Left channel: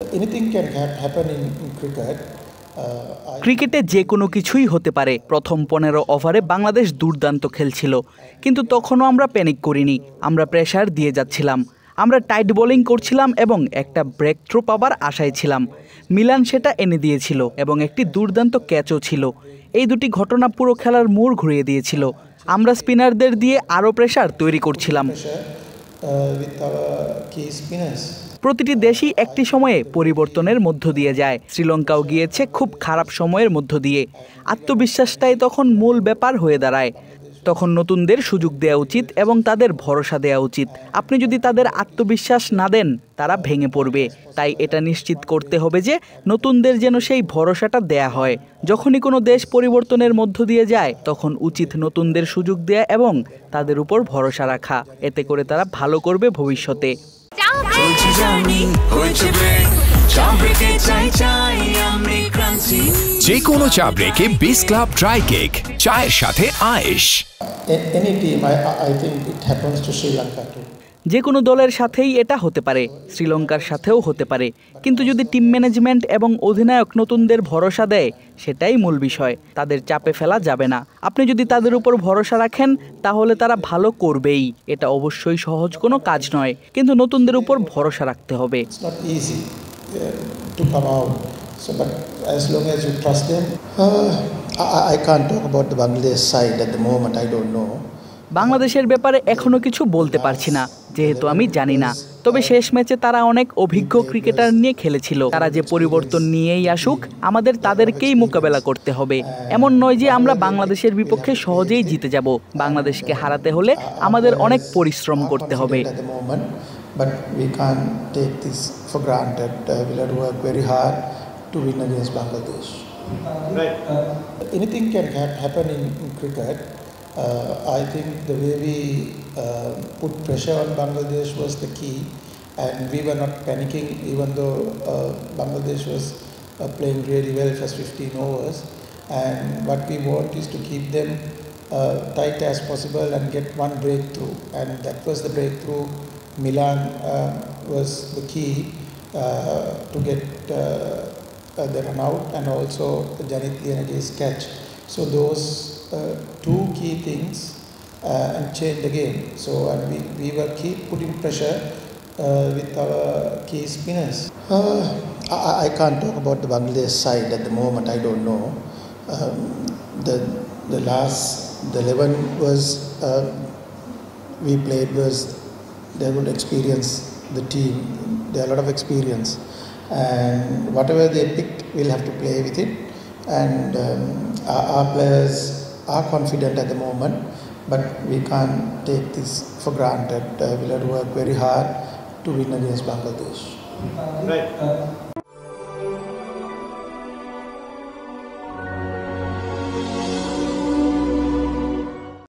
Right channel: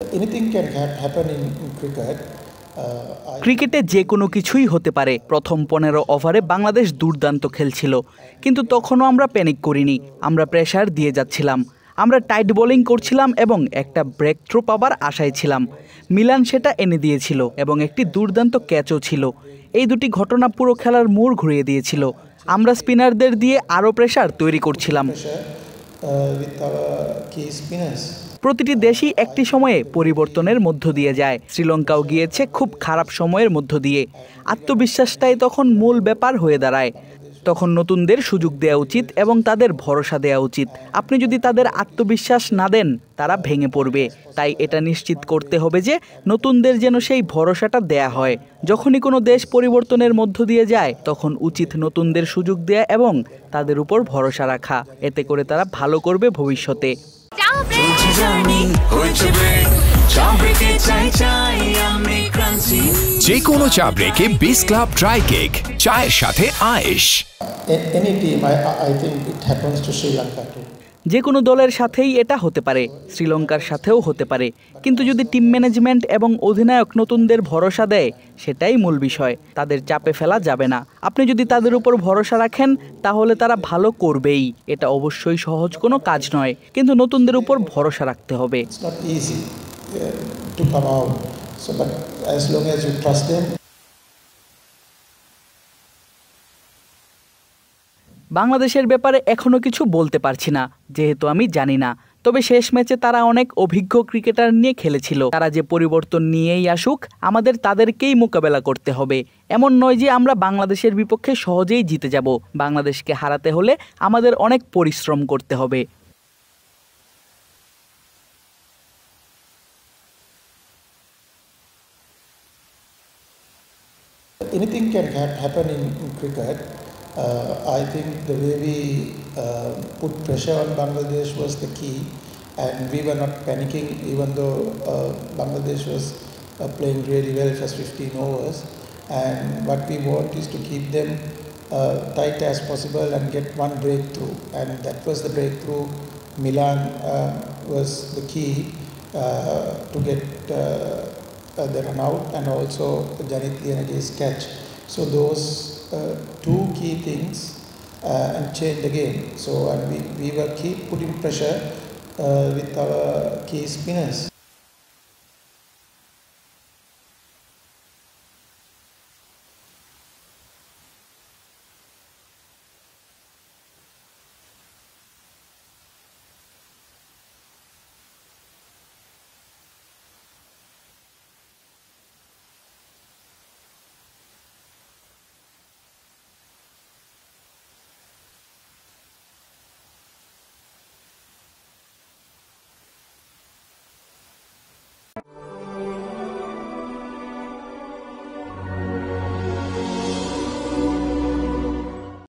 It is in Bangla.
Anything can happen in cricket. ক্রিকেটে যে কোনো কিছুই হতে পারে। প্রথম 15 ওভারে বাংলাদেশ দুর্দান্ত খেলছিল, কিন্তু তখনও আমরা প্যানিক করিনি। আমরা প্রেসার দিয়ে যাচ্ছিলাম, আমরা টাইট বোলিং করছিলাম এবং একটা ব্রেক থ্রু পাবার আশায় ছিলাম। মিলান সেটা এনে দিয়েছিল এবং একটি দুর্দান্ত ক্যাচও ছিল। এই দুটি ঘটনা পুরো খেলার মোড় ঘুরিয়ে দিয়েছিল। আমরা স্পিনারদের দিয়ে আরও প্রেসার তৈরি করছিলাম। প্রতিটি দেশই একটি সময়ে পরিবর্তনের মধ্য দিয়ে যায়। শ্রীলঙ্কাও গিয়েছে খুব খারাপ সময়ের মধ্য দিয়ে। আত্মবিশ্বাসটাই তখন মূল ব্যাপার হয়ে দাঁড়ায়। তখন নতুনদের সুযোগ দেওয়া উচিত এবং তাদের ভরসা দেওয়া উচিত। আপনি যদি তাদের আত্মবিশ্বাস না দেন, তারা ভেঙে পড়বে। তাই এটা নিশ্চিত করতে হবে যে নতুনদের যেন সেই ভরসাটা দেয়া হয়। যখনই কোনো দেশ পরিবর্তনের মধ্য দিয়ে যায়, তখন উচিত নতুনদের সুযোগ দেয়া এবং তাদের উপর ভরসা রাখা। এতে করে তারা ভালো করবে ভবিষ্যতে। যে কোনো চা ব্রেকে বিস ক্লাব ড্রাই কেক, চায়ের সাথে আয়েশ। যে কোনো দলের সাথেই এটা হতে পারে, শ্রীলঙ্কার সাথেও হতে পারে। কিন্তু যদি টিম ম্যানেজমেন্ট এবং অধিনায়ক নতুনদের ভরসা দেয়, সেটাই মূল বিষয়। তাদের চাপে ফেলা যাবে না। আপনি যদি তাদের উপর ভরসা রাখেন, তাহলে তারা ভালো করবেই। এটা অবশ্যই সহজ কোনো কাজ নয়, কিন্তু নতুনদের উপর ভরসা রাখতে হবে। So, but as long as you trust them, I can't talk about the Bangladesh side at the moment. I don't know. বাংলাদেশের ব্যাপারে এখনো কিছু বলতে পারছি না, যেহেতু আমি জানি না। তবে শেষ ম্যাচে তারা অনেক অভিজ্ঞ ক্রিকেটার নিয়ে খেলেছিল। তারা যে পরিবর্তন নিয়েই আসুক, আমাদের তাদেরকেই মোকাবেলা করতে হবে। এমন নয় যে আমরা বাংলাদেশের বিপক্ষে সহজেই জিতে যাব। বাংলাদেশকে হারাতে হলে আমাদের অনেক পরিশ্রম করতে হবে। But we can't take this for granted. We'll have to work very hard to win against Bangladesh. Right. Anything can happen in cricket. I think the way we put pressure on Bangladesh was the key, and we were not panicking even though Bangladesh was playing really well first 15 overs. And what we want is to keep them tight as possible and get one breakthrough, and that was the breakthrough. Milan was the key to get the run out, and also Janit Lianidis' catch. So those two key things and changed the game. So and we were keep putting pressure with our key spinners. I can't talk about the Bangladesh side at the moment. I don't know. The 11 was we played was. They would experience the team. They have a lot of experience, and whatever they picked, we'll have to play with it. And our players are confident at the moment, but we can't take this for granted. We'll have to work very hard to win against Bangladesh. Right.